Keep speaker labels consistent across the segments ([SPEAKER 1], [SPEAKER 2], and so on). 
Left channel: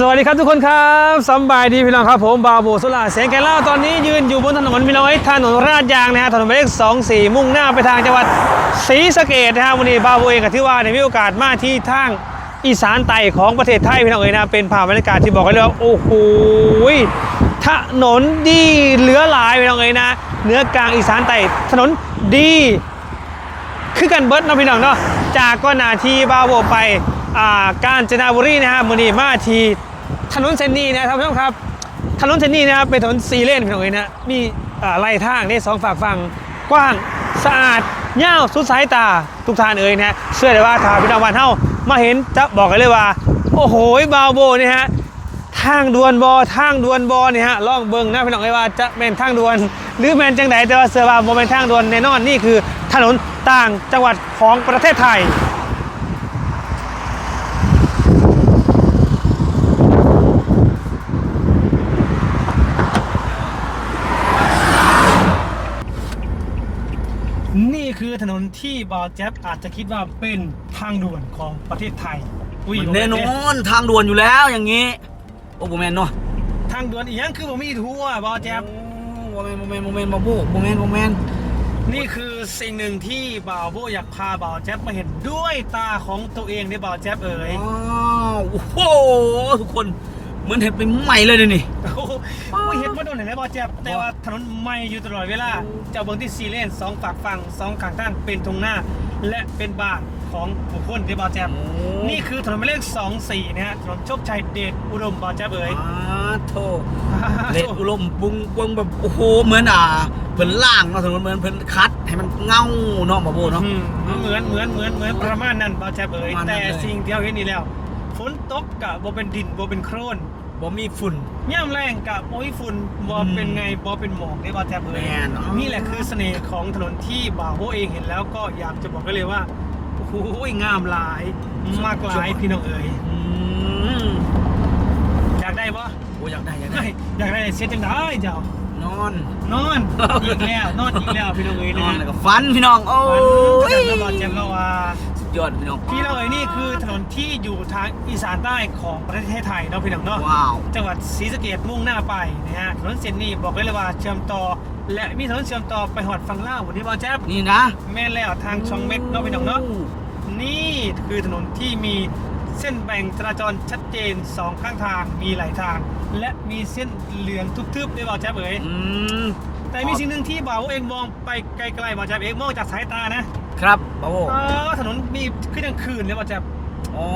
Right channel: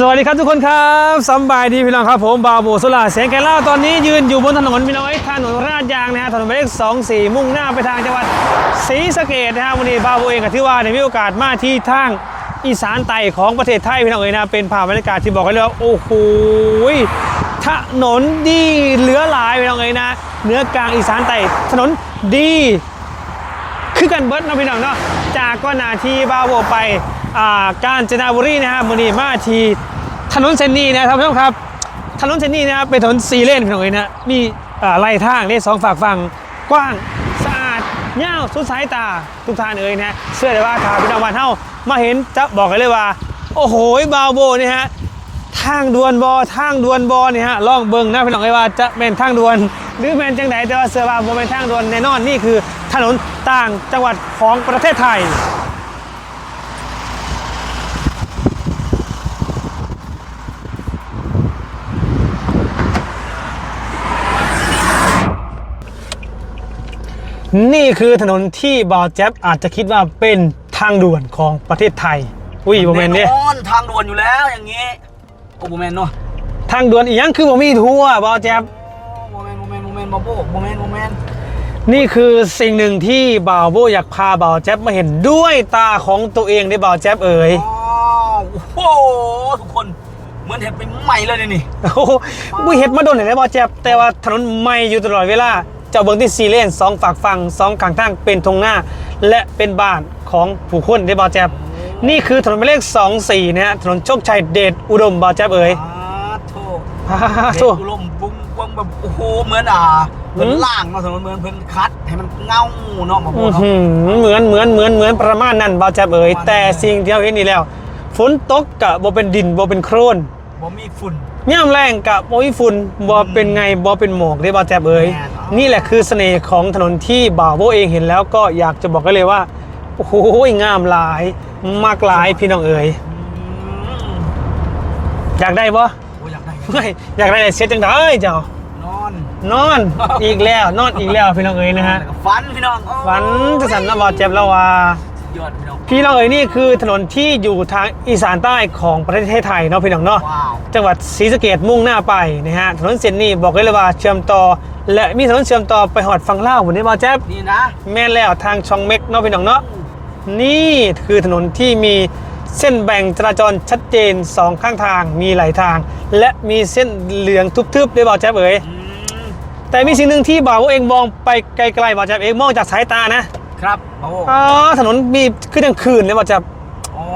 [SPEAKER 1] สวัสดีครับทุกคนครับสบายดีพี่น้องครับผมบาโบสุลาเสียงแกเล่าตอนนี้ยืนอยู่บนถนนพี่น้องไอ้ถนนราชยางนะฮะถนนหมายเลขสองสี่มุ่งหน้าไปทางจังหวัดศรีสะเกษนะฮะวันนี้บาโบเองกับที่ว่าได้มีโอกาสมาที่ทางอีสานใต้ของประเทศไทยพี่น้องเอ๋ยนะเป็นภาพบรรยากาศที่บอกกันเลยว่าโอ้โหถนนดีเหลือหลายพี่น้องเอ๋ยนะเนื้อกลางอีสานใต้ถนนดีคือกันเบิร์ดนะพี่น้องเนาะจากก็นาทีบาโบไปอ่ากาญจนบุรีนะฮะมือนี้มาที ถนนเส้นนี้นะครับท่านผู้ชมครับ ถนนเส้นนี้นะครับเป็นถนนซีเลนพี่น้องเอ๋ยนะมีอ่าไล่ทางได้สองฝากฝั่งกว้างสะอาดเง่าวสุดสายตาทุกท่านเอ่ยนะเชื่อได้ว่าถ้าพี่น้องบ้านเฮามาเห็นจะบอกกันเลยว่า โอ้โหบาวโบนี่ฮะทางด่วนบอทางด่วนบอเนี่ยฮะล่องเบิงนะพี่น้องไอ้ว่าจะเป็นทางด่วน หรือแมนจังไหนแต่ว่าเสือว่าบ่เป็นทางด่วนแน่นอนนี่คือถนนต่างจังหวัดของประเทศไทย นี่คือถนนที่บอแจ๊บอาจจะคิดว่าเป็นทางด่วนของประเทศไทย อุ้ยบ่แมนเนี่ย
[SPEAKER 2] แน่นอนทางด่วนอยู่แล้วอย่างนี้ โอ้โบแมนเนาะ
[SPEAKER 1] ทางด่วนอีกยังคือบ่มีทั่วบอแจ๊บ
[SPEAKER 2] โบแมนโบแมนโบแมนบาโบโบแมนโบแมน
[SPEAKER 1] นี่คือสิ่งหนึ่งที่บ่าวโบอยากพาบ่าวแจ๊บมาเห็นด้วยตาของตัวเองได้บ่าวแจ๊บเอ๋ย
[SPEAKER 2] อ๋อโอ้โหทุกคนเหมือนเห็ดไปใหม่เลยเดี๋ยวนี่
[SPEAKER 1] โอ้โหบุเห็ดมาโดนไหนได้บ่าวแจ๊บแต่ว่าถนนใหม่อยู่ตลอดเวลา เจ้าเบิงที่ซีเลนสองฝากฝั่งสองข้างทางเป็นทงหน้า และเป็นบ้านของผู้คนได้บ่าวแจ๊บนี่คือถนนหมายเลข24นะฮะถนนโชคชัยเดชอุดมบ่าวแจ๊บเอ๋ย
[SPEAKER 2] อ่าโทษ
[SPEAKER 1] อ่า
[SPEAKER 2] เด็
[SPEAKER 1] โถ่
[SPEAKER 2] ดอุลมบุ้งบุ้งแบบโอ้โหเหมือนอ่าเหมือนล่างเนาะถนนเหมือนเพิ่นคัดให้มันเงาเนาะบาโบ
[SPEAKER 1] อื้อ
[SPEAKER 2] เนาะ
[SPEAKER 1] หือเหมือนเหมือนเหมือนเหมือนประมาณนั้นบ่าวแจ๊บเอ๋ย
[SPEAKER 2] ประมาณนั้น
[SPEAKER 1] แต่สิ่งที่เราเห็นนี่แล้วฝนตกกะบ่เป็นดินบ่เป็นโครน
[SPEAKER 2] บ่มีฝุ่น
[SPEAKER 1] ย่ำแรงกับโอ้ยฝุ่นบอเป็นไงบอเป็นหมอกได้บอแจบเอ้ย
[SPEAKER 2] แน่นอน
[SPEAKER 1] นี่แหละคือเสน่ห์ของถนนที่บ่าวโบเองเห็นแล้วก็อยากจะบอกกันเลยว่าโอ้โหงามหลาย มากหลายพี่น้องเอ๋ย
[SPEAKER 2] อืม
[SPEAKER 1] อยากได้บ่
[SPEAKER 2] โอ้อยากได้อยากได้
[SPEAKER 1] ไม่อยากได้เสียจังได้เจ้า น
[SPEAKER 2] อน
[SPEAKER 1] นอนอีกแล้วนอนอีกแล้วพี่น้องเอ๋ยนะฮะ
[SPEAKER 2] แล้วก็ฟันพี่น้องโอ้
[SPEAKER 1] ฝันจะสั่นแล้วบอแจบแล้วว่า
[SPEAKER 2] ยอดพี่น้อง
[SPEAKER 1] พี่น้องเอ๋ยนี่คือถนนที่อยู่ทางอีสานใต้ของประเทศไทยเนาะพี่น้องเนาะ
[SPEAKER 2] ว้าว
[SPEAKER 1] จังหวัดศรีสะเกดมุ่งหน้าไปนะฮะถนนเส้นนี้บอกเลยว่าเชื่อมต่อ และมีถนนเชื่อมต่อไปหอดฝั่งลาวเหมือนที่บอแจ๊บ
[SPEAKER 2] นี่นะ
[SPEAKER 1] แม่นแล้วทางช่องเม็กเนาะพี่น้องเนาะนี่คือถนนที่มีเส้นแบ่งจราจรชัดเจนสองข้างทางมีหลายทาง และมีเส้นเหลืองทึบๆด้วยบอแจ๊บเอ๋ย
[SPEAKER 2] อืม
[SPEAKER 1] แต่มีสิ่งหนึ่งที่บ่าวเองมองไปไกลๆบอแจ๊บเองมองจากสายตานะ ครับ
[SPEAKER 2] โอ้
[SPEAKER 1] อ๋อถนนมีขึ้นกลางคืนเลยบอแจ๊บ
[SPEAKER 2] อ๋อ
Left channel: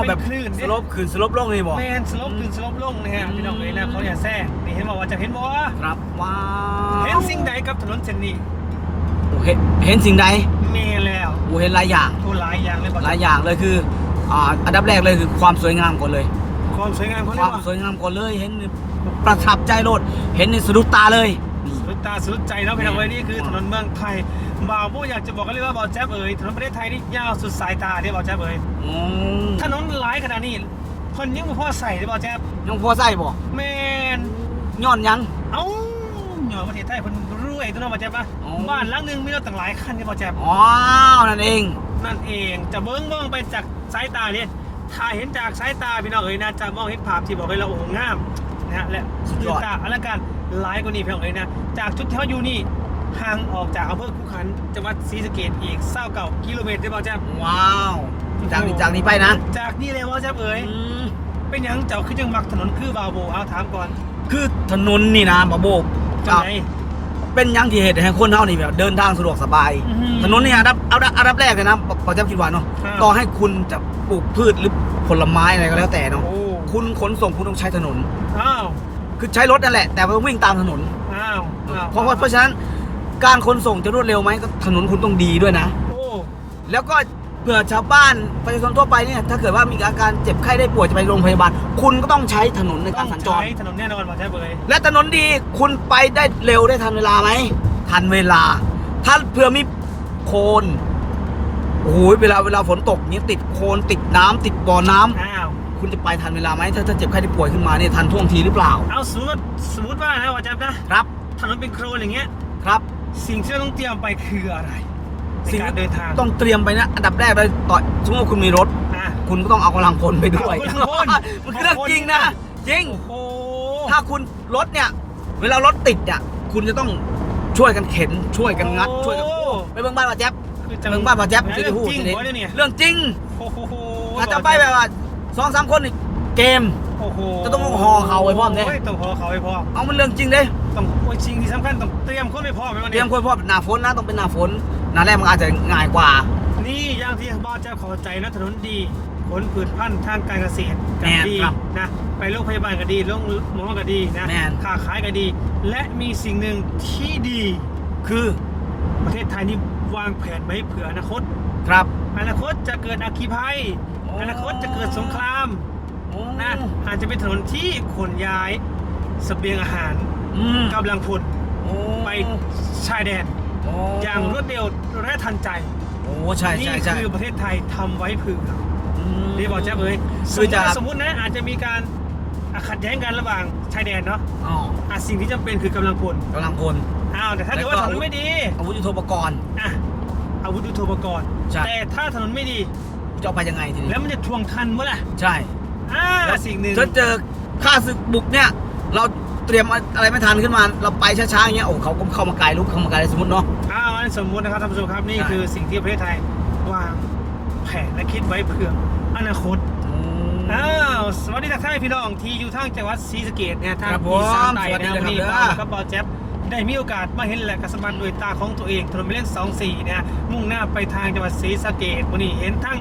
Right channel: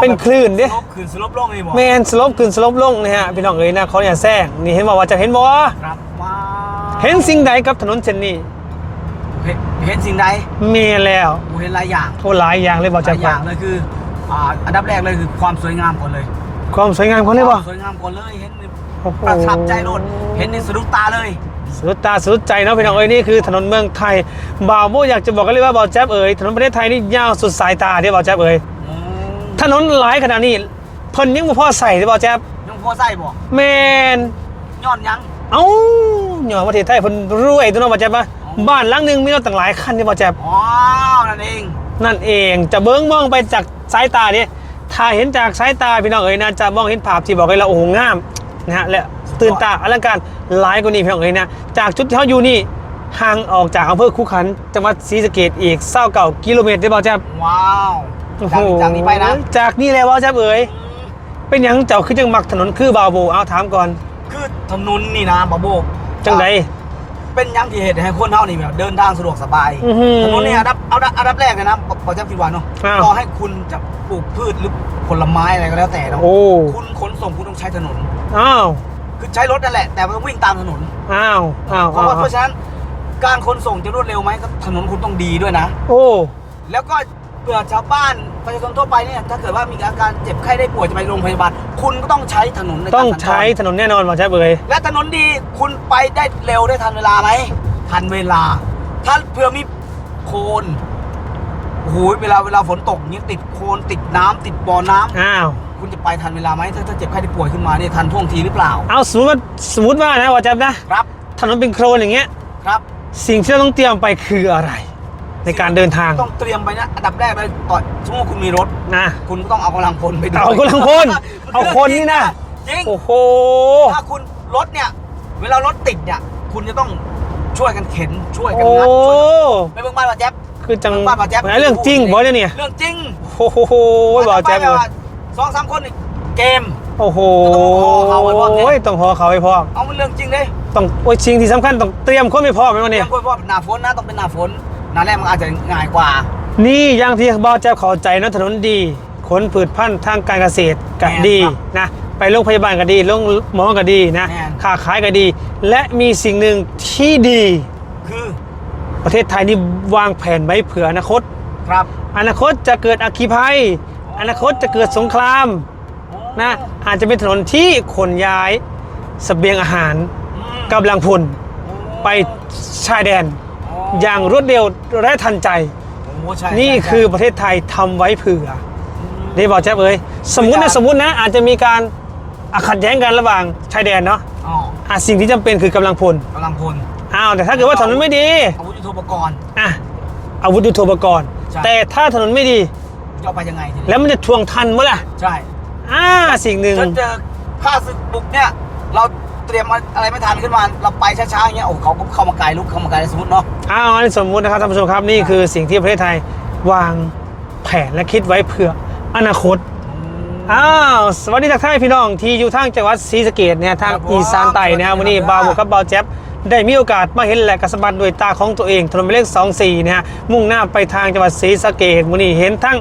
[SPEAKER 1] เป็นคลื่นดิ
[SPEAKER 2] สลบคืนสลบลงนี่บอก
[SPEAKER 1] แมนสลบขึ้นสลบลงนะฮะพี่น้องเอ๋ยนะเขาเนี่ยแซงนี่เห็นบอกว่าจะเห็นบ่
[SPEAKER 2] ครับว้าว
[SPEAKER 1] เห็นสิ่งใดกับถนนเส้นนี้
[SPEAKER 2] เห็นเห็นสิ่งใด
[SPEAKER 1] มีแล้ว
[SPEAKER 2] กูเห็นหลายอย่าง
[SPEAKER 1] โอ้หลายอย่างเลยบอก
[SPEAKER 2] ห
[SPEAKER 1] จะ
[SPEAKER 2] ลายอย่างเลยคืออ่าอันดับแรกเลยคือความสวยงามก่อนเลย
[SPEAKER 1] ความสวยงามเขาเลย
[SPEAKER 2] ค
[SPEAKER 1] บ่
[SPEAKER 2] วามสวยงามก่อนเลยเห็น
[SPEAKER 1] โอ้โห
[SPEAKER 2] ประทับใจโลดเห็นในสะดุดตาเลย
[SPEAKER 1] สุดตาสุดใจเนาะพี่น้องเอ้ยนี่คือถนนเมืองไทยบ่าวโมอยากจะบอกกันเลยว่าบ่าวแจ๊บเอ๋ยถนนประเทศไทยนี่ยาวสุดสายตาที่บ่าวแจ๊บเอ๋ย
[SPEAKER 2] อืม
[SPEAKER 1] ถนนหลายขนาดนี้เพิ่นยังบ่พอใส่ที่บ่าวแจ๊บ
[SPEAKER 2] ยังพอใส่บอก
[SPEAKER 1] แมน
[SPEAKER 2] ย้อนยัง
[SPEAKER 1] เอ้าหย่อนประเทศไทยเพิ่นรวยตัวเนาะบ่าวแจ๊บว่า
[SPEAKER 2] อ๋อ
[SPEAKER 1] บ้านหลังหนึงมีรถตั้งหลายคันที่บ่าวแจ๊บ
[SPEAKER 2] อ๋อนั่นเอง
[SPEAKER 1] นั่นเองจะเบิ้งมองไปจากสายตาเนี่ยถ้าเห็นจากสายตาพี่น้องเอ๋ยนะจะมองเห็นภาพที่บอกเลยเราโอ้โหงามนะฮะและตื่นตาอลังการ หลายกว่านี้พี่น้องเอ๋ยนะ จากจุดที่เขาอยู่นี่ห่างออกจากอำเภอคูขันจังหวัดศรีสะเกดอีกเศร้าเก่ากิโลเมตรได้บ่าวแจ๊บ
[SPEAKER 2] ว้าวจาก
[SPEAKER 1] โอ้โห
[SPEAKER 2] จากนี้ไปนะ
[SPEAKER 1] จากนี่เลยบ่าวแจ๊บเอ๋ย
[SPEAKER 2] อืม
[SPEAKER 1] เป็นหยังเจ้าคือจังมักถนนคือบาวโบเอาถามก่อน
[SPEAKER 2] คือถนนนี่นะบาโบ
[SPEAKER 1] จังได
[SPEAKER 2] เป็นหยังที่เหตุให้คนเท่านี่แบบเดินทางสะดวกสบาย
[SPEAKER 1] อื้อหือ
[SPEAKER 2] ถนนนี่อันดับเอาดับอันดับแรกเลยนะปอจำคิดว่าเนาะ
[SPEAKER 1] อ้าว
[SPEAKER 2] ต่อให้คุณจะปลูกพืชหรือผลไม้อะไรก็แล้วแต่เนาะ
[SPEAKER 1] โอ้
[SPEAKER 2] คุณขนส่งคุณต้องใช้ถนน
[SPEAKER 1] อ้าว
[SPEAKER 2] คือใช้รถนั่นแหละ แต่ว่าวิ่งตามถนน
[SPEAKER 1] อ้าวอ้าว
[SPEAKER 2] เพราะว่าเพราะฉะนั้นการขนส่งจะรวดเร็วไหมก็ถนนคุณต้องดีด้วยนะ
[SPEAKER 1] โอ้
[SPEAKER 2] แล้วก็เผื่อชาวบ้านประชาชนทั่วไปเนี่ยถ้าเกิดว่ามีอาการเจ็บไข้ได้ป่วยจะไปโรงพยาบาลคุณก็ต้องใช้ถนนในการ
[SPEAKER 1] ต้อง
[SPEAKER 2] สัญจร
[SPEAKER 1] ใช้ถนนแน่นอนบ่าวแจ๊บเอ๋ย
[SPEAKER 2] และถนนดีคุณไปได้เร็วได้ทันเวลาไหมทันเวลา ถ้าเผื่อมีโคลนโอ้โหเวลาเวลาฝนตกนี่ติดโคลนติดน้ำติดบ่อน้ำ
[SPEAKER 1] อ้าว
[SPEAKER 2] คุณจะไปทันเวลาไหมถ้าถ้าเจ็บไข้ได้ป่วยขึ้นมาเนี่ยทันท่วงทีหรือเปล่า
[SPEAKER 1] เอาสมมติว่าสมมติว่านะบ่าวแจ๊บนะ
[SPEAKER 2] ครับ
[SPEAKER 1] ถนนเป็นโครนอย่างเงี้ย
[SPEAKER 2] ครับ
[SPEAKER 1] สิ่งที่เราต้องเตรียมไปคืออะไร ในการเดินทาง
[SPEAKER 2] ต้องเตรียมไปนะอันดับแรกเลยต่อสมมติว่าคุณมีรถ
[SPEAKER 1] นะ
[SPEAKER 2] คุณก็ต้องเอากำลังพลไปด้วย
[SPEAKER 1] เอากำลังพลเอาคนนี่นะ
[SPEAKER 2] จริง
[SPEAKER 1] โอ้โห
[SPEAKER 2] ถ้าคุณรถเนี่ย เวลารถติดเนี่ยคุณจะต้องช่วยกันเข็นช่วยกัน
[SPEAKER 1] โอ้
[SPEAKER 2] งัดช่วยกันไปเบิ่งบ้านป้าแจ๊บ
[SPEAKER 1] คือจัง
[SPEAKER 2] เบิ่งบ้านป้าแจ๊บ
[SPEAKER 1] เรื่องจริงบ่เนี่ยเนี่ย
[SPEAKER 2] เรื่องจริง
[SPEAKER 1] โอ้โหบอ
[SPEAKER 2] ถ้ากไป
[SPEAKER 1] แจ๊บ
[SPEAKER 2] แบบว่า สองสามคนนี่เกม
[SPEAKER 1] โอ้โห
[SPEAKER 2] จะต้องห่อเขาไว้พร้อมเนี่ย
[SPEAKER 1] โอ้ยต้องห่อเขาไว้พร้อม
[SPEAKER 2] เอามันเรื่องจริงเลย
[SPEAKER 1] ต้องโอ้ยสิ่งที่สำคัญต้องเตรียมคนไม่พร้อมไหมวัน
[SPEAKER 2] เตรี
[SPEAKER 1] นี้
[SPEAKER 2] ยมคนเพราะว่าหน้าฝนนะต้องเป็นหน้าฝนหน้าแรกมันอาจจะง่ายกว่า
[SPEAKER 1] นี่อย่างที่บอแจ๊บเข้าใจนะถนนดี ขนผืชพันธุ์ทางการเกษตรก็
[SPEAKER 2] แม่น
[SPEAKER 1] ดี
[SPEAKER 2] ครับ
[SPEAKER 1] นะ ไปโรงพยาบาลก็ดีโรงหมอก็ดีนะ
[SPEAKER 2] แม่น
[SPEAKER 1] ค้าขายก็ดี และมีสิ่งหนึ่งที่ดี
[SPEAKER 2] คือ
[SPEAKER 1] ประเทศไทยนี่วางแผนไว้เผื่ออนาคต
[SPEAKER 2] ครับ
[SPEAKER 1] อนาคตจะเกิดอัคคีภัย
[SPEAKER 2] อ๋อ
[SPEAKER 1] อ
[SPEAKER 2] อ
[SPEAKER 1] นาคตจะเกิดสงครามนะอาจจะเป็นถนนที่ขนย้ายเสบียงอาหาร
[SPEAKER 2] อืม
[SPEAKER 1] กำลังพลไปชายแดน
[SPEAKER 2] อ๋อ
[SPEAKER 1] อย่างรวดเร็วและทันใจ
[SPEAKER 2] โอ้ใช่
[SPEAKER 1] นี่
[SPEAKER 2] ใช่ใช่
[SPEAKER 1] คือประเทศไทยทำไว้เผื่อ
[SPEAKER 2] ม
[SPEAKER 1] นี่บอกแจ๊บเอ้ยสมมติ
[SPEAKER 2] คือ
[SPEAKER 1] นะ
[SPEAKER 2] จะ
[SPEAKER 1] สมมตินะอาจจะมีการอะขัดแย้งกันระหว่างชายแดนเนาะ
[SPEAKER 2] อ๋อ
[SPEAKER 1] อะสิ่งที่จำเป็นคือกำลังพล
[SPEAKER 2] กำลังพล
[SPEAKER 1] อ้าวแต่ถ้าเกิดว่าถนนไม่ดี
[SPEAKER 2] อาวุธยุทโธปกรณ์
[SPEAKER 1] อะอาวุธยุทโธปกรณ์
[SPEAKER 2] ใช่
[SPEAKER 1] แต่ถ้าถนนไม่ดี
[SPEAKER 2] จะเอาไปยังไงทีนี้
[SPEAKER 1] แล้วมันจะทวงทันเมื่อล่ะ
[SPEAKER 2] ใช่
[SPEAKER 1] อ่าสิ่งหนึ่ง
[SPEAKER 2] ถ้าเจอข้าศึกบุกเนี่ย เราเตรียมอะไรไม่ทันขึ้นมา เราไปช้าๆอย่างเงี้ยโอ้เขาก็เข้ามาไกลลุกเข้ามาไกลสมมติเนาะ
[SPEAKER 1] อ้าวอันนี้สมมุตินะครับท่านผู้ชมครับนี่คือสิ่งที่ประเทศไทยวางแผนและคิดไว้เผื่ออนาคตอ้าวสวัสดีทักทายพี่น้องที่อยู่ทางจังหวัดศรีสะเกดเนี่ยทาง
[SPEAKER 2] ครับผม
[SPEAKER 1] อีสานใต้นะครับ
[SPEAKER 2] สวั
[SPEAKER 1] วัน
[SPEAKER 2] สดี
[SPEAKER 1] นี้
[SPEAKER 2] ครับ
[SPEAKER 1] บาวหมวกกับบาวแจ๊บได้มีโอกาสมาเห็นและกระสบัดด้วยตาของตัวเองถนนหมายเลข24นะฮะมุ่งหน้าไปทางจังหวัดศรีสะเกดวันนี้เห็นทั้ง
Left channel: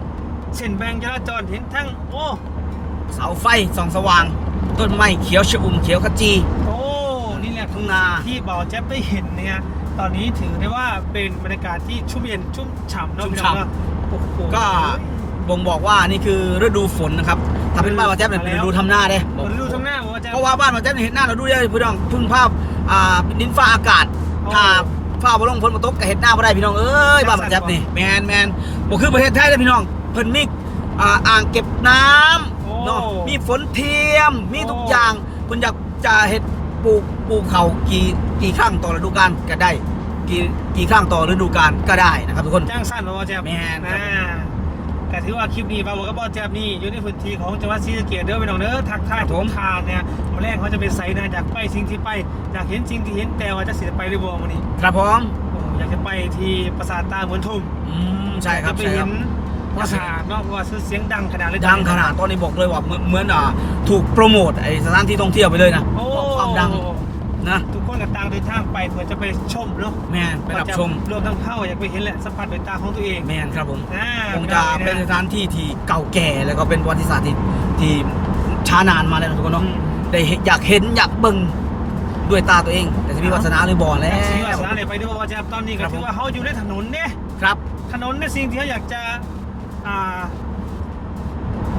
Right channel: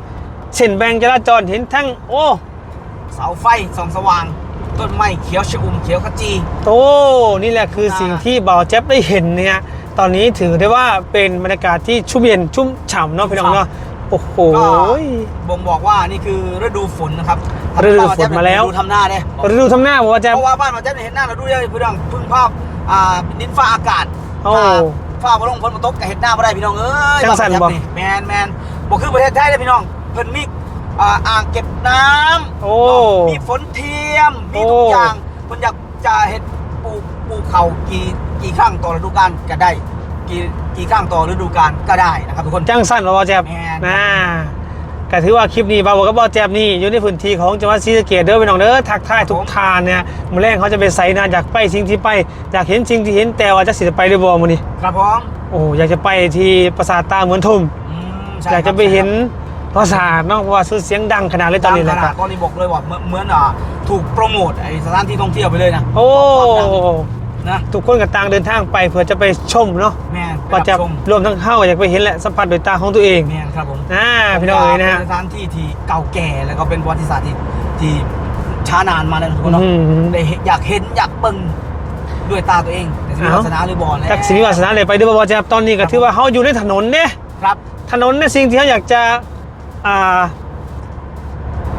[SPEAKER 1] เส้นแบ่งจราจรเห็นทั้งโอ้
[SPEAKER 2] เสาไฟส่องสว่าง ต้นไม้เขียวชอุ่มเขียวขจี
[SPEAKER 1] โตนี่แหละคือ
[SPEAKER 2] อ่า
[SPEAKER 1] สิ่งที่บ่าวแจ๊บได้เห็นเนี่ยตอนนี้ถือได้ว่าเป็นบรรยากาศที่ชุ่มเย็นชุ่มฉ่ำเนาะพี่น้องเนาะโอ้โห
[SPEAKER 2] ก็บ่งบอกว่านี่คือฤดูฝนนะครับทำให้บ้านเราแจ๊บ
[SPEAKER 1] ฤดูฝนมาแล้ว
[SPEAKER 2] ดูทำหน้าเนี่ย
[SPEAKER 1] ฤดูทำหน้าบอกว่าแจ๊บ
[SPEAKER 2] เพราะว่าบ้านเราแจ๊บเนี่ยเห็นหน้าเราดูได้พี่น้องพึ่งภาพอ่าดินฟ้าอากาศ
[SPEAKER 1] โอ้
[SPEAKER 2] ถ้าฟ้าบลงฝนมาตกก็เห็นหน้าไม่ได้พี่น้องเอ้ย
[SPEAKER 1] จั
[SPEAKER 2] บ้างน
[SPEAKER 1] สั
[SPEAKER 2] เรา
[SPEAKER 1] น
[SPEAKER 2] แจ๊บ
[SPEAKER 1] บ่
[SPEAKER 2] นี่แมนแมนบอกคือประเทศไทยเลยพี่น้อง เพิ่นมีอ่าอ่างเก็บน้ำ
[SPEAKER 1] โอ้
[SPEAKER 2] เนาะมีฝนเทียม มีทุก
[SPEAKER 1] โอ้
[SPEAKER 2] อย่างเพิ่นอยากจะเฮ็ดปลูกปลูกเขากี่กี่ครั้งต่อฤดูกาลก็ได้ กี่กี่ครั้งต่อฤดูกาลก็ได้นะครับทุกคน
[SPEAKER 1] จังสั้นบอกว่าแจ๊บ
[SPEAKER 2] แม่น
[SPEAKER 1] นะแต่ถือว่าคลิปนี้บ่าวบอกกับบ่าวแจ๊บนี่อยู่ในพื้นที่ของจังหวัดศรีสะเกษเด้อพี่น้องเด้อทักทายทุกทานเนี่ยมื้อแรกเขาจะไปใส่นะอยากไปสิ่งที่ไปอยากเห็นสิ่งที่เห็นแต่ว่าจะสิจะไปหรือบ่มื้อนี้
[SPEAKER 2] ครับผม
[SPEAKER 1] โอ้อยากจะไปที่ปราสาทตาเหมือนทุ่ม
[SPEAKER 2] อืมใช่
[SPEAKER 1] อยาก
[SPEAKER 2] ครั
[SPEAKER 1] จะ
[SPEAKER 2] บ
[SPEAKER 1] ไปเห็น ปราสาทเนาะเพราะว่าซื้อเสียงดังขนาดเลยตอน
[SPEAKER 2] ดัง
[SPEAKER 1] นี้
[SPEAKER 2] ข
[SPEAKER 1] นะค
[SPEAKER 2] นา
[SPEAKER 1] รั
[SPEAKER 2] ด
[SPEAKER 1] บ
[SPEAKER 2] ตอนนี้บอกเลยว่าเหมือนเหมือนอ่าถูกโปรโมทไอ้สถานที่ท่องเที่ยวไปเลยนะ
[SPEAKER 1] โอ้
[SPEAKER 2] ความดังนะ
[SPEAKER 1] ทุกคนก็ต่างเดินทางไปเพื่อจะไปชมเนาะ
[SPEAKER 2] แม่นไป
[SPEAKER 1] ก็
[SPEAKER 2] รับ
[SPEAKER 1] จะ
[SPEAKER 2] ชม
[SPEAKER 1] รวมทั้งเข้าอยากไปเห็นแหละสัมผัสโดยตาของตัวเอง
[SPEAKER 2] แม่นครับผม
[SPEAKER 1] อ่าพี่น้องเอ๋ยนะ
[SPEAKER 2] เป็
[SPEAKER 1] ฮะ
[SPEAKER 2] นสถานที่ที่เก่าแก่แล้วก็เป็นประวัติศาสตร์ที่ที่ช้านานมาแล้วนะทุกคนเนาะ
[SPEAKER 1] อืม
[SPEAKER 2] ได้เห็นอยากเห็นอยากเบิ่งด้วยตาตัวเอง แต่ที่มี
[SPEAKER 1] เอ้า
[SPEAKER 2] วาสนาหรือบ่แล้ว
[SPEAKER 1] จากสิวิวาสนาเลยไปดูบ่าวแจ๊บตอนนี้ก็ถือว่าเขาอยู่ในถนนเนี่ย
[SPEAKER 2] ครับ
[SPEAKER 1] ถนนเนี่ยสิ่งที่เขาอยากจะ อ่า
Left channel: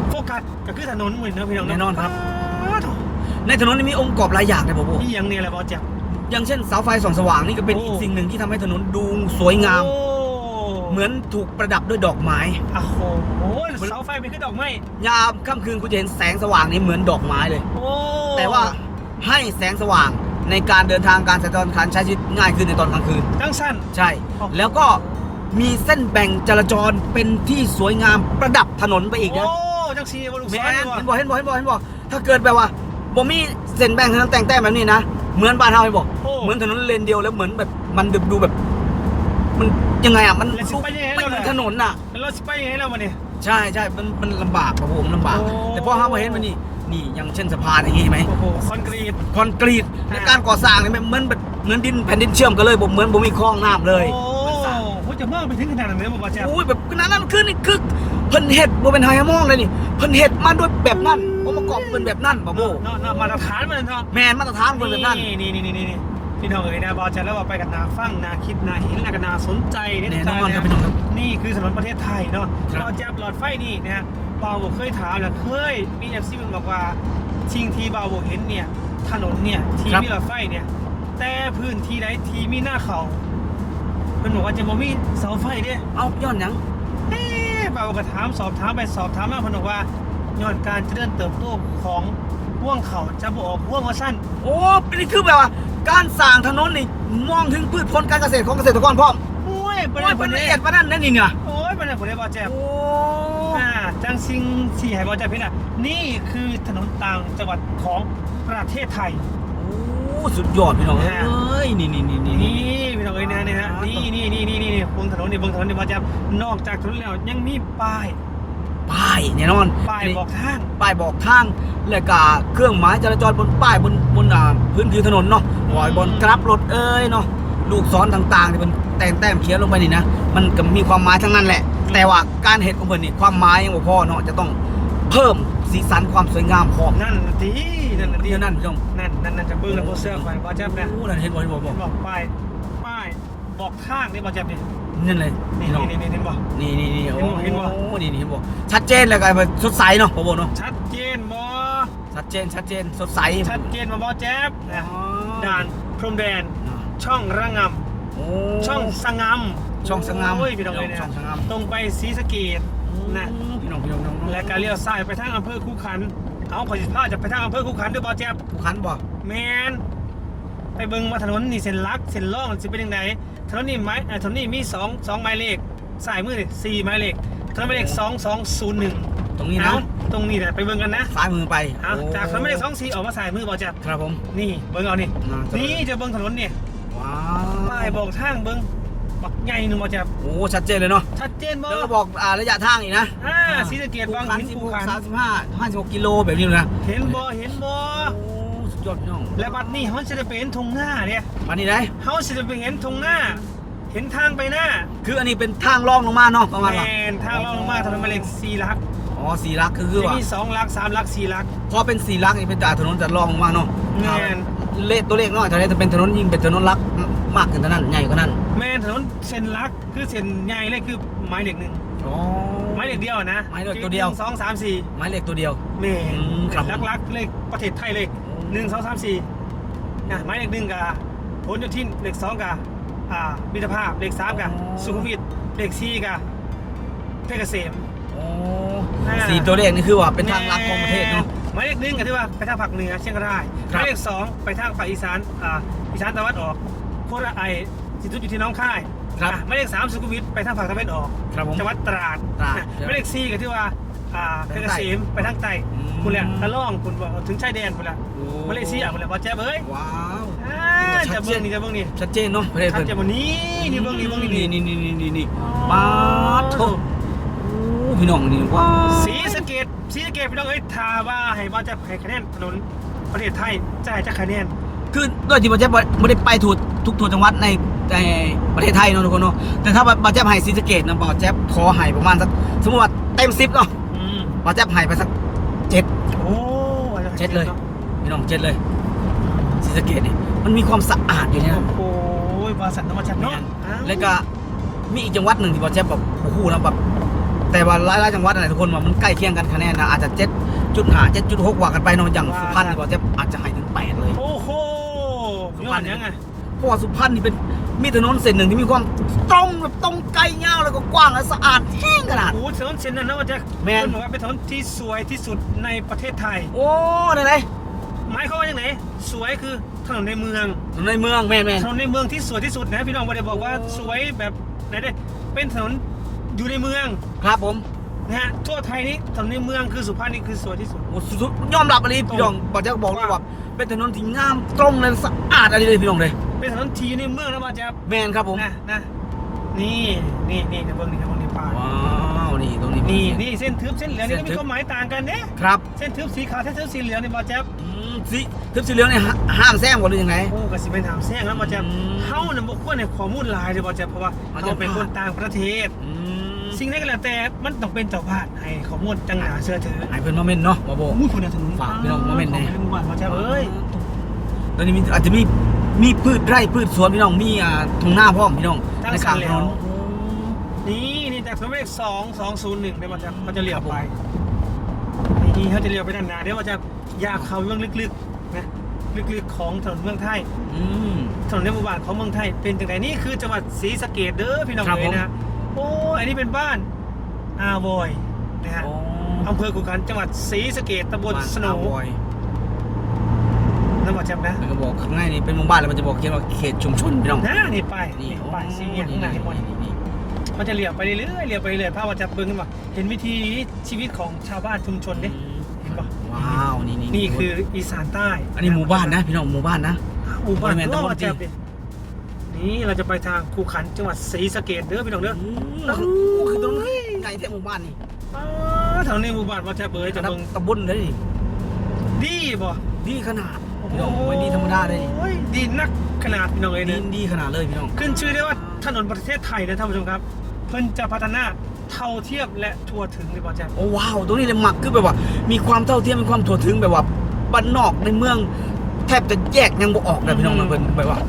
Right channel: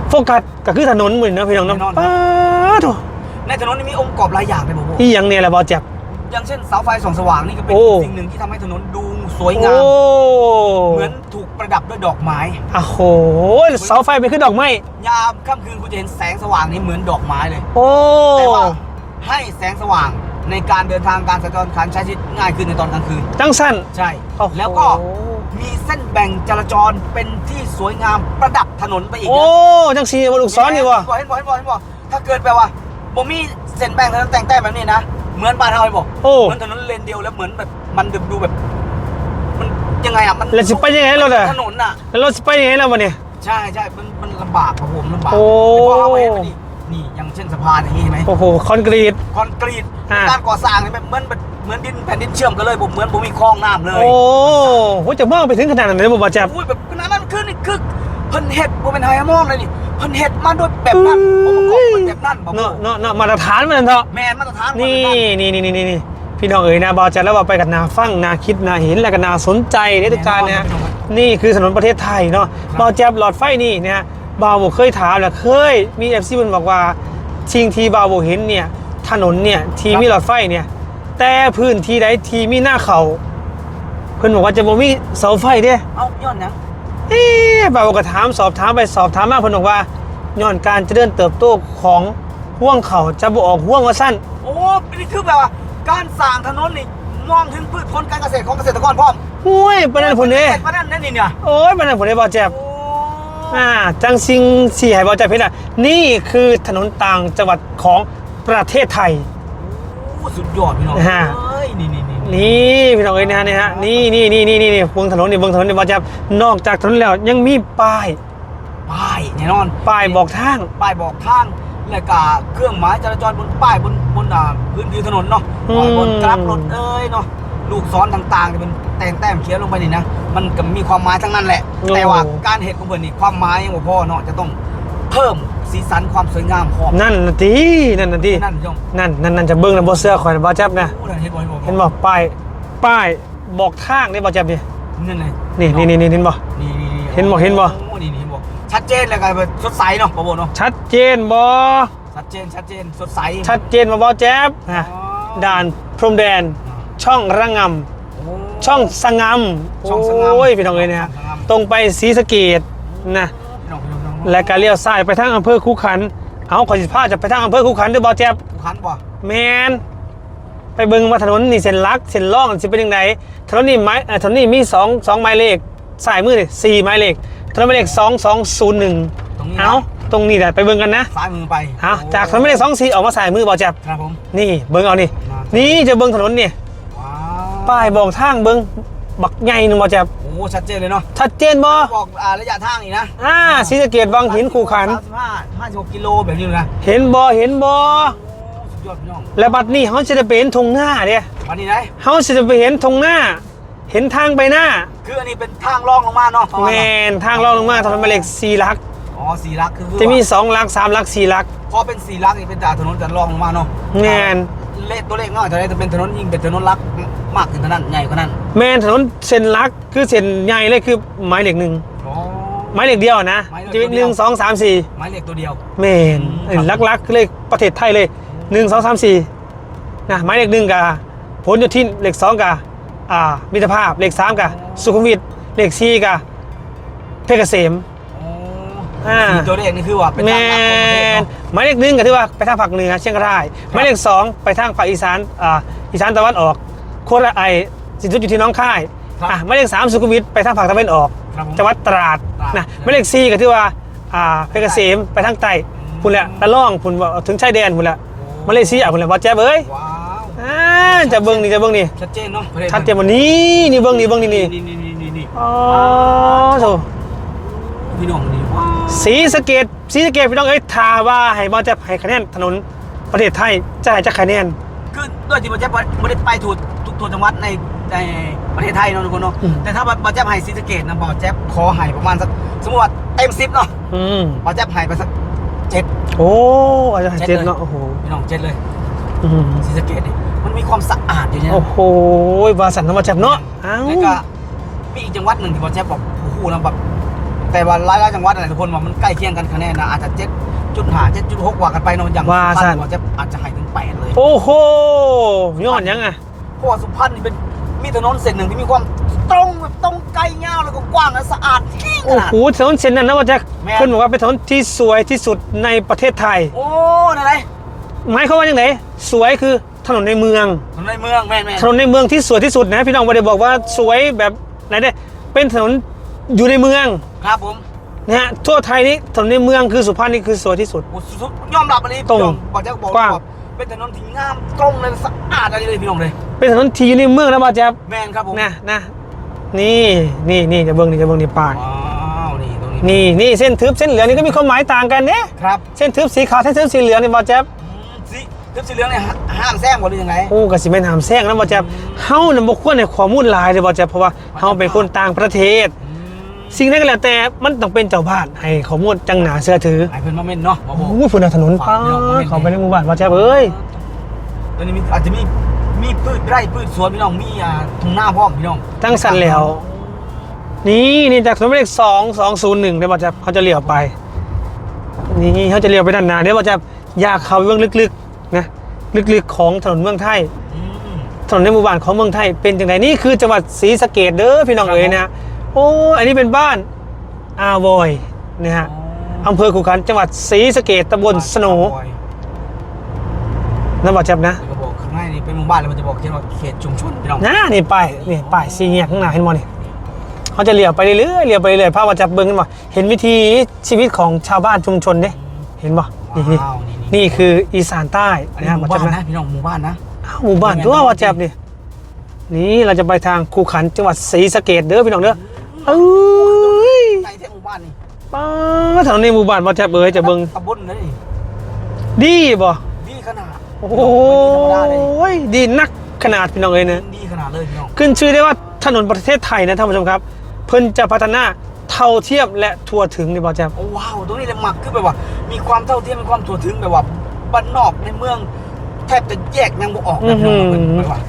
[SPEAKER 1] โฟกัสก็คือถนนเหมือนเนาะพี่น้องเนาะ
[SPEAKER 2] แน่นอนครับ
[SPEAKER 1] ป้าโถ
[SPEAKER 2] ในถนนนี่มีองค์ประกอบหลายอย่างเลยผม
[SPEAKER 1] ที่ยังเนี่ยแหละบ่าวแจ๊บ
[SPEAKER 2] อย่างเช่นเสาไฟส่องสว่างนี่ก็เป็น
[SPEAKER 1] โอ้
[SPEAKER 2] สิ่งหนึ่งที่ทำให้ถนนดูสวยงาม
[SPEAKER 1] โอ้
[SPEAKER 2] เหมือนถูกประดับด้วยดอกไม้
[SPEAKER 1] โอ้โหเสาไฟไปขึ้นดอกไม้
[SPEAKER 2] ยามค่ำคืนคุณจะเห็นแสงสว่างนี่เหมือนดอกไม้เลย
[SPEAKER 1] โอ้
[SPEAKER 2] แต่ว่าให้แสงสว่างในการเดินทางการสัญจรการใช้ชีวิตง่ายขึ้นในตอนกลางคืน
[SPEAKER 1] จังสั้น
[SPEAKER 2] ใช่
[SPEAKER 1] โอ้โห
[SPEAKER 2] แล้วก็ มีเส้นแบ่งจราจรเป็นที่สวยงามประดับถนนไปอีก
[SPEAKER 1] โอ้
[SPEAKER 2] นะ
[SPEAKER 1] จังสีบนลูกซ้อนนี่วะ
[SPEAKER 2] เห็นบ่เห็นบ่เห็นบ่เห็นบ่ถ้าเกิดแบบว่าบ่มีเส้นแบ่งถนนแต่งแต้มแบบนี้นะเหมือนบ้านเฮาไอ้บ่
[SPEAKER 1] โอ้
[SPEAKER 2] เหมือนถนนเลนเดียวแล้วเหมือนแบบมันดูดูแบบ มันยังไงอะมัน
[SPEAKER 1] แล้วสิไปยังไงเราเนี่ย
[SPEAKER 2] ถนนน่ะ
[SPEAKER 1] แล้วเราจะไปยังไงแล้ววันนี้
[SPEAKER 2] ใช่ใช่มันมันลำบากครับผมลำบาก
[SPEAKER 1] โอ้
[SPEAKER 2] แต่พอเฮามาเห็นมันนี่นี่อย่างเช่นสะพานอย่างงี้เห็นไหม
[SPEAKER 1] โอ้โหคอนกรีต
[SPEAKER 2] คอนกรีต
[SPEAKER 1] อ่า
[SPEAKER 2] การก่อสร้างนี่มันเหมือนแบบ เหมือนดินแผ่นดินเชื่อมกันเลยบ่เหมือนบ่มีคลองน้ำเลย
[SPEAKER 1] โอ้โหจะมองไปถึงขนาดนั้นเลยบ่บาแจ๊บ
[SPEAKER 2] โอ้ยแบบนั้นนั่นคือนี่คือเพิ่นเฮ็ดบ่เป็นไฮมองเลยนี่เพิ่นเฮ็ดมาด้วยแบบนั้นองค์ประกอบเป็นแบบนั้นบอก
[SPEAKER 1] เนาะเนาะเนาะมาตรฐานมันเถอะ
[SPEAKER 2] แมนมาตรฐานคน
[SPEAKER 1] นี่
[SPEAKER 2] แบบนั้น
[SPEAKER 1] นี่นี่นี่นี่พี่น้องเอ๋ยนะบอแจ๊บแล้วว่าไปกับนาฟังนาคิดนาเห็นและก็นาสนใจในทุกการ
[SPEAKER 2] แน่นอน
[SPEAKER 1] นะครับ
[SPEAKER 2] พี่น้องครับ
[SPEAKER 1] นี่คือถนนประเทศไทยเนาะ
[SPEAKER 2] ครับ
[SPEAKER 1] บอแจ๊บหลอดไฟนี่เนี่ยบาวบอกเคยถามแหละเคยมีเอฟซีมันบอกว่าสิ่งที่บาวบอกเห็นเนี่ยถนนเนี่ยที่มีหลอดไฟเนี่ย แต่พื้นที่ใดที่มีหน้าเขา เพิ่นบอกว่าจะบ่มีเสาไฟเด้
[SPEAKER 2] เอาย้อนหยัง
[SPEAKER 1] เอ๊ะบ่าวก็ถามสอบถามไปสอบถามมาเพิ่นบอกว่าย้อนการเจริญเติบโตของห่วงเขาจะบ่ออกห่วงว่าสั้น
[SPEAKER 2] โอ้เป็นนี่คือแบบว่า การสร้างถนนนี่มองถึงพืชผลการเกษตรของเกษตรกรพร้อม
[SPEAKER 1] ห้วยปานนั้นพุ่นเด้
[SPEAKER 2] ปานนั้นนั่นนี่เนี่ย
[SPEAKER 1] โอ้ยปานนั้นพุ่นเด้บ่แจ๊บ
[SPEAKER 2] โอ้
[SPEAKER 1] อ่าจังซิงสี่ให้บ่แจ๊บเห็นอะนี่คือถนนต่างจังหวัดของประเทศไทย
[SPEAKER 2] โอ้ สุดยอดพี่น้อง
[SPEAKER 1] นะฮะ
[SPEAKER 2] เอ้ยนี่นี่นี่
[SPEAKER 1] นี่พี่น้องเอ้ยนะฮะนี่ฮะนี่นี่นี่นี่นี่นี่เบิ่งถนนนี่เบิ่งถนนนี่บ่แจ๊บนอกจากถนนแล้วยังมีป้าย
[SPEAKER 2] ป้ายแน่นอน
[SPEAKER 1] ป้ายบอกทาง
[SPEAKER 2] ป้ายบอกทาง และก็เครื่องหมายจราจรบนป้ายบนบนอ่าพื้นผิวถนนเนาะ
[SPEAKER 1] อืม
[SPEAKER 2] ปล่อยบนกราฟรถเอ้ยเนาะลูกศรต่างๆที่มันแต่งแต้มเขียนลงไปนี่นะมันก็มีความหมายทั้งนั้นแหละ แต่ว่าการเห็นของเพิ่นนี่ความหมายยังบ่พอเนาะจะต้องเพิ่ม สีสันความสวยงามของ
[SPEAKER 1] นั่นน่ะตินั่นน่ะติ
[SPEAKER 2] นั่นพี่น้อง
[SPEAKER 1] นั่นนั่นนั่นจะเบิ่งแล้วบ่เสื้อข่อยนะบ่แจ๊บนะ
[SPEAKER 2] โอ้นั่นเห็นบ่เห็นบ่
[SPEAKER 1] เห็นบ่ป้ายป้ายบอกทางนี่บ่แจ๊บนี่
[SPEAKER 2] นั่นเลย
[SPEAKER 1] นี่นี่นี่นี่เห็นบ่
[SPEAKER 2] นี่นี่นี่
[SPEAKER 1] เห็นบ่เห็นบ่
[SPEAKER 2] โอ้นี่นี่เห็นบ่ชัดเจนเลยกันสดใสเนาะบ่บ่เนาะ
[SPEAKER 1] ชัดเจนบ่
[SPEAKER 2] ชัดเจนชัดเจนสดใส
[SPEAKER 1] ชัดเจนบ่บ่แจ๊บนะ
[SPEAKER 2] อ๋อ
[SPEAKER 1] ด่านพรมแดนช่องระงำ
[SPEAKER 2] โอ้
[SPEAKER 1] ช่องสงาม
[SPEAKER 2] ช่องสงาม
[SPEAKER 1] โอ้ยพี่น้องเอ้ยเนี่ย
[SPEAKER 2] ช่องสงาม
[SPEAKER 1] ตรงไปศรีสะเกดนะ
[SPEAKER 2] พี่น้อ
[SPEAKER 1] และก็เลี้ยวซ้ายไปทางอำเภอคูขันเอาขอสิพาจะไปทางอำเภอคูขันเด้อบ่แจ๊บ
[SPEAKER 2] ผู้คันบ่
[SPEAKER 1] แมนไปเบิ่งว่าถนนนี่เส้นลักเส้นล่องสิเป็นยังไงถนนนี่ไม้เอ่อถนนนี่มีสองสองหมายเลขสายมือนี่สี่หมายเลขถนนหมายเลขสองสองศูนย์หนึ่ง
[SPEAKER 2] ตรงนี้
[SPEAKER 1] เอา
[SPEAKER 2] นะ
[SPEAKER 1] ตรงนี้แหละไปเบิ่งกันนะ
[SPEAKER 2] ซ้ายมือไป
[SPEAKER 1] เอา
[SPEAKER 2] โจา
[SPEAKER 1] กถนนหมายเลขสองสี่ออกมาสายมือบ่แจ๊บ
[SPEAKER 2] ครับผม
[SPEAKER 1] นี่เบิ่งเอานี่
[SPEAKER 2] อ่า
[SPEAKER 1] นี่จะเบิ่งถนนนี่
[SPEAKER 2] ว้า
[SPEAKER 1] ป้ายบอกทางเบิ่ง บักใหญ่หนึงบ่แจ๊บ
[SPEAKER 2] โอ้ ชัดเจนเลยเนาะ
[SPEAKER 1] ชัดเจนบ่
[SPEAKER 2] บอกอ่าระยะทางอีกนะ
[SPEAKER 1] อ่าศรีสะเกดบางหินคูขัน
[SPEAKER 2] สามสิบห้าห้าสิบหกกิโลแบบนี้เลยนะ
[SPEAKER 1] เห็นบ่เห็นบ่
[SPEAKER 2] โอ้สุดยอดพี่น้อง
[SPEAKER 1] และบัดนี้เขาจะได้ไปเห็นทงหน้าเด้
[SPEAKER 2] วันนี้ไหน
[SPEAKER 1] เขาจะได้ไปเห็นทงหน้า เห็นทางไปหน้า
[SPEAKER 2] คืออันนี้เป็นทางล่องลงมาเนาะประมาณ
[SPEAKER 1] แม
[SPEAKER 2] นั้น
[SPEAKER 1] นทางลองลงมาถนนหมายเลขสี่ลัก
[SPEAKER 2] อ๋อสี่ลักคือคือ
[SPEAKER 1] จะมี
[SPEAKER 2] ว่า
[SPEAKER 1] สองลักสามลักสี่ลัก
[SPEAKER 2] พอเป็นสี่ลักนี่เป็นจากถนนจะล่องลงมาเนาะ
[SPEAKER 1] แม่น
[SPEAKER 2] เลขตัวเลขน้อยแต่ได้จะเป็นถนนยิ่งเป็นถนนลัก มากขึ้นเท่านั้นใหญ่กว่านั้น
[SPEAKER 1] แมนถนนเส้นลักคือเส้นใหญ่เลยคือหมายเลขหนึ่ง
[SPEAKER 2] อ๋อ
[SPEAKER 1] หมายเลขเดียวนะ
[SPEAKER 2] หมายเลข
[SPEAKER 1] จะมี
[SPEAKER 2] ตัว
[SPEAKER 1] ห
[SPEAKER 2] เดียว
[SPEAKER 1] นึ่งสองสามสี่
[SPEAKER 2] หมายเลขตัวเดียว
[SPEAKER 1] แมน
[SPEAKER 2] อืมครับ
[SPEAKER 1] ลักลักๆคือเลขประเทศไทยเลยหนึ่งสองสามสี่นะหมายเลขหนึ่งกับผลโยธินเลขสองกับอ่ามิตรภาพเลขสามกับสุขุมวิทเลขสี่กับเพชรเกษมอ่า
[SPEAKER 2] สี่ตัวเลขนี่คือว่าเป็น
[SPEAKER 1] แม
[SPEAKER 2] ทางลักของประเทศ
[SPEAKER 1] น
[SPEAKER 2] เนาะ
[SPEAKER 1] หมายเลขหนึ่งก็ที่ว่าไปทางภาคเหนือเชียงรายหมายเลขสองไปทางภาคอีสานอ่าอีสานตะวันออก โคราชไอสิจุดอยู่ที่หน้องค่าย
[SPEAKER 2] ครับ
[SPEAKER 1] อะหมายเลขสามสุขุมวิทไปทางภาคตะวันออก
[SPEAKER 2] ครับผม
[SPEAKER 1] จังหวัดตราด
[SPEAKER 2] ตราด
[SPEAKER 1] นะหมายเลขสี่ก็ที่ว่าอ่าเพชรเกษมไปทางใต้
[SPEAKER 2] อืม
[SPEAKER 1] คุณแหละตะล่องคุณว่าถึงชายแดนคุณแหละ
[SPEAKER 2] โอ้
[SPEAKER 1] หมายเลขสี่อะคุณแหละว่าแจ๊บเอ้ย
[SPEAKER 2] ว้าว
[SPEAKER 1] อ่าจะเบิ้งนี่จะเบิ้งนี่
[SPEAKER 2] ชัดเจนเนาะประเทศ
[SPEAKER 1] ชัดเจนวันนี้นี่เบิ้งนี่เบิ้งนี่นี่
[SPEAKER 2] นี่นี่นี่นี่นี่
[SPEAKER 1] อ๋อ
[SPEAKER 2] ว้าว
[SPEAKER 1] โถ
[SPEAKER 2] พี่น้องนี่ว้าว
[SPEAKER 1] สีสะเกตสีสะเกตพี่น้องเอ้ยทาว่าให้บอลจะให้คะแนนถนนประเทศไทยจะให้จะคะแนน
[SPEAKER 2] คือด้วยที่บาเจ็บไม่ได้ไปถูกทุกทัวจังหวัดในในประเทศไทยเนาะทุกคนเนาะ
[SPEAKER 1] อืม
[SPEAKER 2] แต่ถ้าบาเจ็บให้ศรีสะเกดนะบาเจ็บขอให้ประมาณสักสมมติว่าเต็มสิบเนาะ
[SPEAKER 1] อืม
[SPEAKER 2] บาเจ็บให้ไปสักเจ็ด
[SPEAKER 1] โอ้อาจจะ
[SPEAKER 2] เจ็ด
[SPEAKER 1] เจ็ด
[SPEAKER 2] เลย
[SPEAKER 1] เนาะโอ้โห
[SPEAKER 2] พี่น้องเจ็ดเลย
[SPEAKER 1] อืม
[SPEAKER 2] ศรีสะเกดเนี่ยมันมีความสะอาดอย่างเงี้ย
[SPEAKER 1] โอ้โหวาสันน้ำมาจับเนาะอ้าว
[SPEAKER 2] แล้วก็มีอีกจังหวัดหนึ่งที่บาเจ็บบอกโอ้โหนะแบบแต่ว่าหลายๆจังหวัดอะไรทุกคนว่ามันใกล้เคียงกันคะแนนนะอาจจะเจ็ดจุดห้าเจ็ดจุดหกว่ากันไปเนาะอย่างสุพรรณบาเจ็บอาจจะให้ถึง แปดเลย
[SPEAKER 1] โอ้โหย้อนยังไง
[SPEAKER 2] เพราะว่าสุพรรณนี่เป็นมีถนนเส้นหนึ่งที่มีความตรงแบบตรงไกลยาวแล้วก็กว้างและสะอาดแห้งข
[SPEAKER 1] โอ้
[SPEAKER 2] นาด
[SPEAKER 1] โหถนนเส้นนั้นนะว่าจะ
[SPEAKER 2] แม่น
[SPEAKER 1] คุณบอกว่าเป็นถนนที่สวยที่สุดในประเทศไทย
[SPEAKER 2] โอ้นั่นเลย
[SPEAKER 1] หมายความว่าอย่างไรสวยคือถนนในเมือง
[SPEAKER 2] ถนนในเมืองแม่นแม่น
[SPEAKER 1] ถนนในเมืองที่สวยที่สุดนะพี่น้องไม่ได้บอกว่าสวยแบบไหนเด้เป็นถนนอยู่ในเมือง
[SPEAKER 2] ครับผม
[SPEAKER 1] นะฮะทั่วไทยนี้ถนนในเมืองคือสุพรรณนี่คือสวยที่สุด
[SPEAKER 2] โอ้สุดๆยอมรับอะไร
[SPEAKER 1] ตรง
[SPEAKER 2] พี่น้องบอกจะบอก
[SPEAKER 1] กว้าง
[SPEAKER 2] ว่า เป็นถนนที่งามตรงเลยสะอาดอะไรเลยพี่น้องเลย
[SPEAKER 1] เป็นถนนที่อยู่ในเมืองนะบาจ๊บ
[SPEAKER 2] แม่นครับผม
[SPEAKER 1] นะนะนี่นี่นี่จะเบิ้งนี่จะเบิ้งนี่ปาก
[SPEAKER 2] ว้าวนี่ตรงนี้
[SPEAKER 1] นี่นี่เส้นทึบเส้นเหลืองนี่ก็มีความหมายต่างกันเนี่ย
[SPEAKER 2] ครับ
[SPEAKER 1] เส้นทึบสีขาวเส้นทึบสีเหลืองนี่บาจ๊บ
[SPEAKER 2] อืมสีทึบสีเหลืองเนี่ยห้ามแซงกว่าหรือยังไง
[SPEAKER 1] โอ้กสิเป็นหามแซงนะบาจ๊บเฮาน่ะบ่ควรในข้อมูลหลายเลยบาจ๊บเพราะว่าเฮาเป็นคนต่างประเทศ
[SPEAKER 2] อืม
[SPEAKER 1] สิ่งนั้นก็แล้วแต่มันต้องเป็นเจ้าบ้านให้ข้อมูลจังหนาเชื่อถือ
[SPEAKER 2] ให้เพิ่นมาเม่นเนาะบ่บ่
[SPEAKER 1] โอ้ยพุ่นนะถนน
[SPEAKER 2] ฝากพี่น้องมาเม่น
[SPEAKER 1] เขาไปในหมู่บ้านบาจ๊บเอ้ย
[SPEAKER 2] ตอนนี้มีอาจจะมีมีพืชไร่พืชสวนพี่น้องมีอ่าทุ่งนาพร้อมพี่น้อง
[SPEAKER 1] ตั้งสันแล้ว นี่นี่จากถนนหมายเลขสองสองศูนย์หนึ่งได้บาจ๊บเขาจะเลี้ยวไป นี่เขาจะเลี้ยวไปด้านหน้าเดี๋ยวบาจ๊บอยากเข้าไปเบื้องลึกๆนะลึกๆของถนนเมืองไทย
[SPEAKER 2] อืม
[SPEAKER 1] ถนนในหมู่บ้านของเมืองไทยเป็นจังไดนี่คือจังหวัดศรีสะเกดเด้อพี่น้อง
[SPEAKER 2] ครับ
[SPEAKER 1] เอ๋ยนะ โอ้อันนี้เป็นบ้านอาวอยนะฮะอำเภอขุขันธ์จังหวัดศรีสะเกดตำบลสโหน
[SPEAKER 2] บ้า
[SPEAKER 1] นั่นบ่แจ๊บนะ
[SPEAKER 2] แล้วก็บอกข้างในนี่เป็นหมู่บ้านแล้วมันจะบอกเขียนว่าเขตชุมชนพี่น้อง
[SPEAKER 1] นะนี่ป้ายนี่ป้ายสี่แยกข้างหน้าเห็นบ่นี่เขาจะเลี้ยวไปเรื่อยๆเลี้ยวไปเรื่อยๆภาพว่าจะเบิ่งกันบ่เห็นวิธีชีวิตของชาวบ้านชุมชนเด้เห็นบ่นี่นี่
[SPEAKER 2] ว้าวนี่
[SPEAKER 1] นี่คืออีสานใต้
[SPEAKER 2] อันนี้หมู่บ้านนะพี่น้องหมู่บ้านนะ
[SPEAKER 1] อ้าวหมู่บ้าน
[SPEAKER 2] ไม่
[SPEAKER 1] ด้
[SPEAKER 2] แม่
[SPEAKER 1] วย
[SPEAKER 2] น
[SPEAKER 1] ว่าแจ๊บนี่นี่เราจะไปทางคูขันจังหวัดศรีสะเกษเด้อพี่น้องเด้อ เอ้ย
[SPEAKER 2] ไกลแท้หมู่บ้านนี่
[SPEAKER 1] ป้าแถวนี้หมู่บ้านว่าแจ๊บเอ้ยจะเบิ่ง
[SPEAKER 2] ตำบลเลยนี่
[SPEAKER 1] ดีบ่
[SPEAKER 2] ดีขนาด
[SPEAKER 1] โอ้
[SPEAKER 2] พี่น้องไม่ดีธรรมดาเลย
[SPEAKER 1] ยดีนักขนาดพี่น้องเอ้ยนะ
[SPEAKER 2] ดีขนาดเลยพี่น้อง
[SPEAKER 1] ขึ้นชื่อได้ว่าถนนประเทศไทยนะท่านผู้ชมครับ เพิ่นจะพัฒนาเท่าเทียมและทั่วถึงในบอแจม
[SPEAKER 2] โอ้ว้าวตรงนี้เลยหมักคือแบบว่า มีความเท่าเทียมมีความถั่วถึงแบบว่าบ้านนอกในเมือง แทบจะแยกยังบ่ออกนะพี่น้อง
[SPEAKER 1] อืม
[SPEAKER 2] เป็นแบบว่า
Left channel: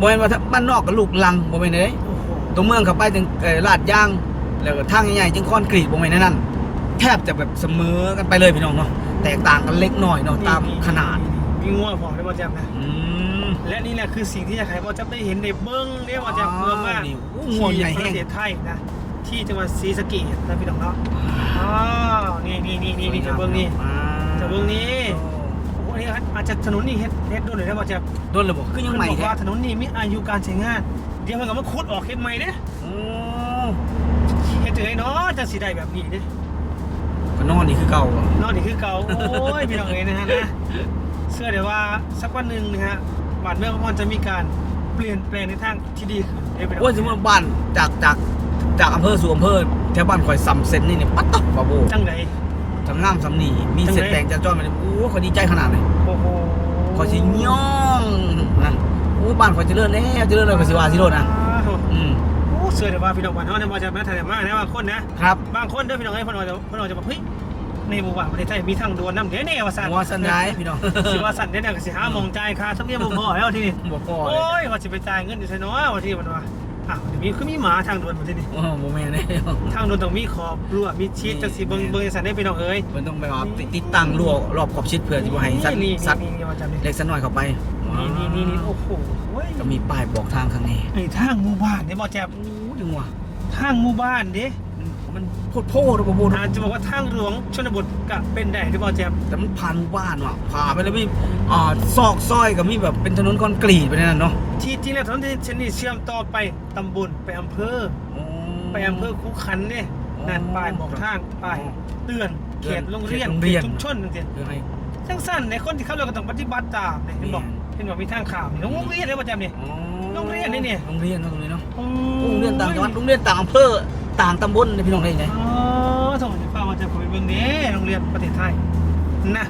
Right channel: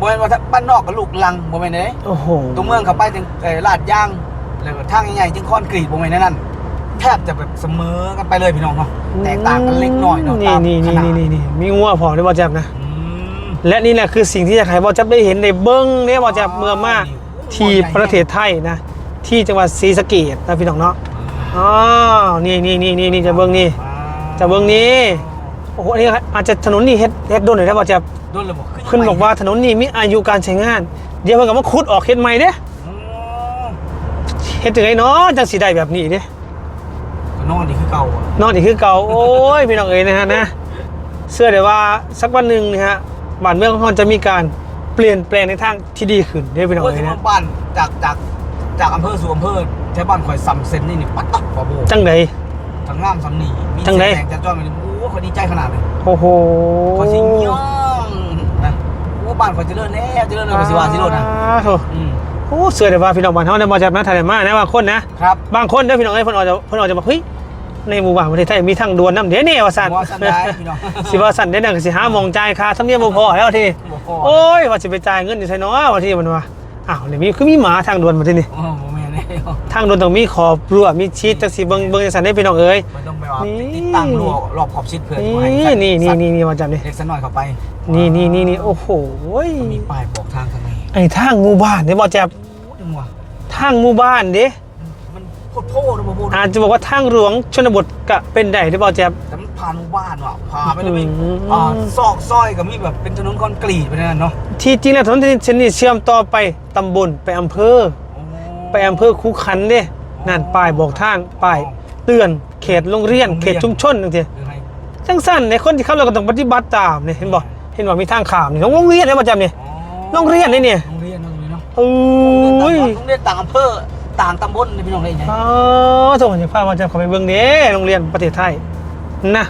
[SPEAKER 2] บ่แม่นว่าถ้าบ้านนอกกับลูกลังบ่แม่นเด้
[SPEAKER 1] โอ้โห
[SPEAKER 2] ตรงเมืองเข้าไปถึงเอ่อลาดยาง แล้วก็ทางใหญ่ๆจึงคอนกรีตบ่แม่นนั่นแทบจะแบบเสมอกันไปเลยพี่น้องเนาะแตกต่างกันเล็กน้อยเนาะตาม
[SPEAKER 1] นี่
[SPEAKER 2] ขนาด
[SPEAKER 1] นี่นี่มีงัวพอในบอแจมนะ
[SPEAKER 2] อืม
[SPEAKER 1] และนี่แหละคือสิ่งที่จะให้บอแจมได้เห็นในเบิ้งเนี่ยบอแจมเมื่อมาที่ประเทศไทยนะ ที่จังหวัดศรีสะเกษนะพี่น้องเนาะอ๋อนี่นี่นี่นี่นี่จะเบิ้งนี่ จะเบิ่งนี้ โอ้โหอันนี้อาจจะถนนนี่เฮ็ดเฮ็ดโดนหน่อยได้บอแจม
[SPEAKER 2] โดนระบบขึ้นยัง
[SPEAKER 1] ขึ้นบอกว่าถนนนี่มีอายุการใช้งาน เดี๋ยวเพิ่นก็มาขุดออกเฮ็ดใหม่เด้
[SPEAKER 2] อืม
[SPEAKER 1] เฮ็ดถึงไอ้เนาะจังสิได้แบบนี้เด้
[SPEAKER 2] ก็นอนนี่คือเก่าอะ
[SPEAKER 1] นอนอีกคือเก่าโอ้ยพี่น้องเอ๋ยนะฮะนะเชื่อเลยว่าสักวันหนึ่งนะฮะบ้านเมืองของเราจะมีการเปลี่ยนแปลงในทางที่ดีขึ้นเด้อพี่น้อง
[SPEAKER 2] โอ้ย
[SPEAKER 1] เอ๋
[SPEAKER 2] ที่
[SPEAKER 1] ยนะ
[SPEAKER 2] บ้านจากจากจากอำเภอสู่อำเภอแถวบ้านข่อยสำเซนนี่นี่ปัดตักบาโบ
[SPEAKER 1] จังได
[SPEAKER 2] ทั้งงามสำนีมี
[SPEAKER 1] จัง
[SPEAKER 2] เส้
[SPEAKER 1] ได
[SPEAKER 2] นแดงจะจ้อนไปเลยโอ้ย ข่อยดีใจขนาดเลย
[SPEAKER 1] โอ้โห
[SPEAKER 2] ข่อยสิย่องนะโอ้บ้านข่อยเจริญแน่เจริญเลยข่อยสิว่าสิโลดนะ
[SPEAKER 1] อ่าโถ
[SPEAKER 2] อืม
[SPEAKER 1] โอ้เชื่อเลยว่าพี่น้องบ้านเฮาเนี่ยมาจากนักไทยมานะบางคนนะครับบางคนเด้อพี่น้องเอ้ยเพิ่นอาจจะเพิ่นอาจจะบอกเฮ้ยในหมู่บ้านประเทศไทยมีทางด่วนนำเด้เนี่ยว่าซั่น
[SPEAKER 2] ว่าสันได้พี่น้อง
[SPEAKER 1] สิว่าซั่นเด้อนั่นก็สิหาหมองจ่ายค่าธรรมเนียมบ่พอแล้วทีนี้
[SPEAKER 2] บ่พอ
[SPEAKER 1] โอ้ยว่าสิไปจ่ายเงินอยู่ไสเนาะว่าที่มันว่าอ้าวนี่มีคือมีหมาทางด่วนมาที่นี่
[SPEAKER 2] โอ้โมแม่นแน่
[SPEAKER 1] ทางโดนต้องมีขอบรั้วมีชีตจังสีเบิงเบิงจังสันได้พี่น้องเอ้ย
[SPEAKER 2] มันต้องไปว่า
[SPEAKER 1] นี่
[SPEAKER 2] ติดตั้งรั้วรอบขอบชิดเพื่อที่ว่าให้
[SPEAKER 1] นี่
[SPEAKER 2] สัตว์
[SPEAKER 1] นี่
[SPEAKER 2] สั
[SPEAKER 1] นี่
[SPEAKER 2] ตว์
[SPEAKER 1] นี่นี่มาจับนี่
[SPEAKER 2] เล็กสักหน่อยเข้าไป
[SPEAKER 1] นี่นี่นี่นี่โอ้โห
[SPEAKER 2] ก็มีป้ายบอกทางทางนี้
[SPEAKER 1] ไอ้ทางหมู่บ้านนี่บอจับ
[SPEAKER 2] โอ้ยยังวะ
[SPEAKER 1] ทางหมู่บ้านเด้
[SPEAKER 2] มันโคตรโพดนะบ่โพด
[SPEAKER 1] อาจจะบอกว่าทางหลวงชนบทก็เป็นได้ได้บอจับ
[SPEAKER 2] แต่มันผ่านหมู่บ้านว่ะผ่านไปเลยพี่
[SPEAKER 1] อืม
[SPEAKER 2] อ่าซอกซอยก็มีแบบเป็นถนนคอนกรีตไปนั่นเนาะ
[SPEAKER 1] ที่จริงแล้วถนนเส้นนี้เชื่อมต่อไปตำบลไปอำเภอ ไปอำเภอคูขันเด้นั่นป้ายบอกทางป้ายเตือนเขตโรงเรียนเขตชุมชนจังซี่
[SPEAKER 2] ยังไง
[SPEAKER 1] จังสั้นในคนที่เข้าเราก็ต้องปฏิบัติตามนี่เห็นบ่เห็นบ่มีทางขามนี่โรงเรียนได้บอจับนี่
[SPEAKER 2] อ๋อ
[SPEAKER 1] โรงเรียนนี่เนี่ย
[SPEAKER 2] โรงเรียนโรงเรียนเนาะ
[SPEAKER 1] โอ้
[SPEAKER 2] โรงเรียนต่าง
[SPEAKER 1] ย
[SPEAKER 2] จังหวัดโรงเรียนต่างอำเภอต่างตำบลนี่พี่น้องได้ไหน
[SPEAKER 1] อ๋อส่งจากภาพมาจากขอไปเบื้องนี้โรงเรียนประเทศไทยนะ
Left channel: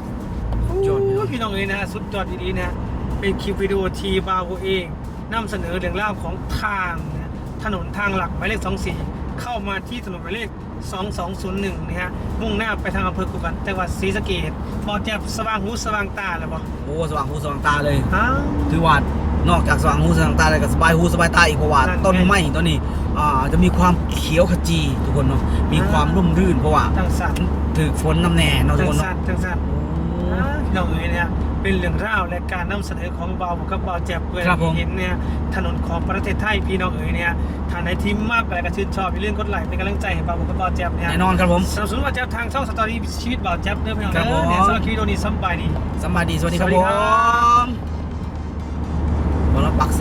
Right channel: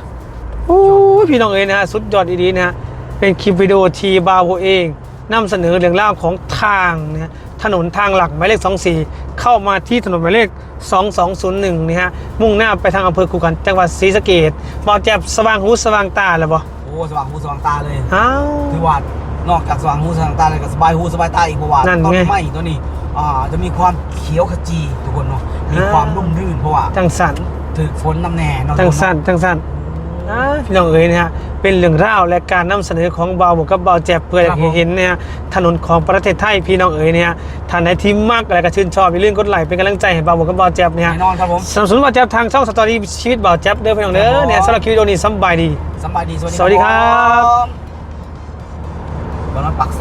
[SPEAKER 1] โอ้ยพี่น้องเอ๋ยนะสุดยอดดีๆนะเป็นคลิปวิดีโอทีบาวเองนำเสนอเรื่องราวของทางนะ ถนนทางหลักหมายเลข 24 เข้ามาที่ถนนหมายเลข 2201นะฮะ มุ่งหน้าไปทางอำเภอคูขันจังหวัดศรีสะเกษบอกแจ็บสว่างหูสว่างตาเลยบ่
[SPEAKER 2] โอ้สว่างหูสว่างตาเลย
[SPEAKER 1] อ้าว
[SPEAKER 2] ถือว่านอกจากสว่างหูสว่างตาเลยก็สบายหูสบายตาอีกเพราะว่า
[SPEAKER 1] นั่นไง
[SPEAKER 2] ต้นไม้ตัวนี้อ่าจะมีความเขียวขจีทุกคนเนาะมี
[SPEAKER 1] อ่า
[SPEAKER 2] ความร่มรื่นเพราะว่า
[SPEAKER 1] จังสัน
[SPEAKER 2] ถือฝนน้ำแน่เนาะทุ
[SPEAKER 1] จั
[SPEAKER 2] ก
[SPEAKER 1] ง
[SPEAKER 2] คน
[SPEAKER 1] สัน
[SPEAKER 2] เนาะ
[SPEAKER 1] จังสัน อ่าพี่น้องเอ๋ยนะฮะเป็นเรื่องราวและการนำเสนอของเบาหมวกกับเบาแจ็บเพื่อให้เห็นเนี่ยฮะถนนของประเทศไทยพี่น้องเอ๋ยเนี่ยฮะท่านไหนที่มากอะไรก็ชื่นชอบอย่าลืมกดไลค์เป็นกำลังใจให้เบาหมวกกับเบาแจ็บเนี่ยฮะ
[SPEAKER 2] แน่นอนครับผม
[SPEAKER 1] สนับสนุนเบาแจ็บทางช่องสตอรี่ชีวิตเบาแจ็บเด้อพี่น้องเด้
[SPEAKER 2] ครับผ
[SPEAKER 1] อ
[SPEAKER 2] ม
[SPEAKER 1] เนี่ยสำหรับคลิปวิดีโอนี้สำบายดี
[SPEAKER 2] สำบายดีสวัสดี
[SPEAKER 1] สวัสดีครับ
[SPEAKER 2] บอลปักเซ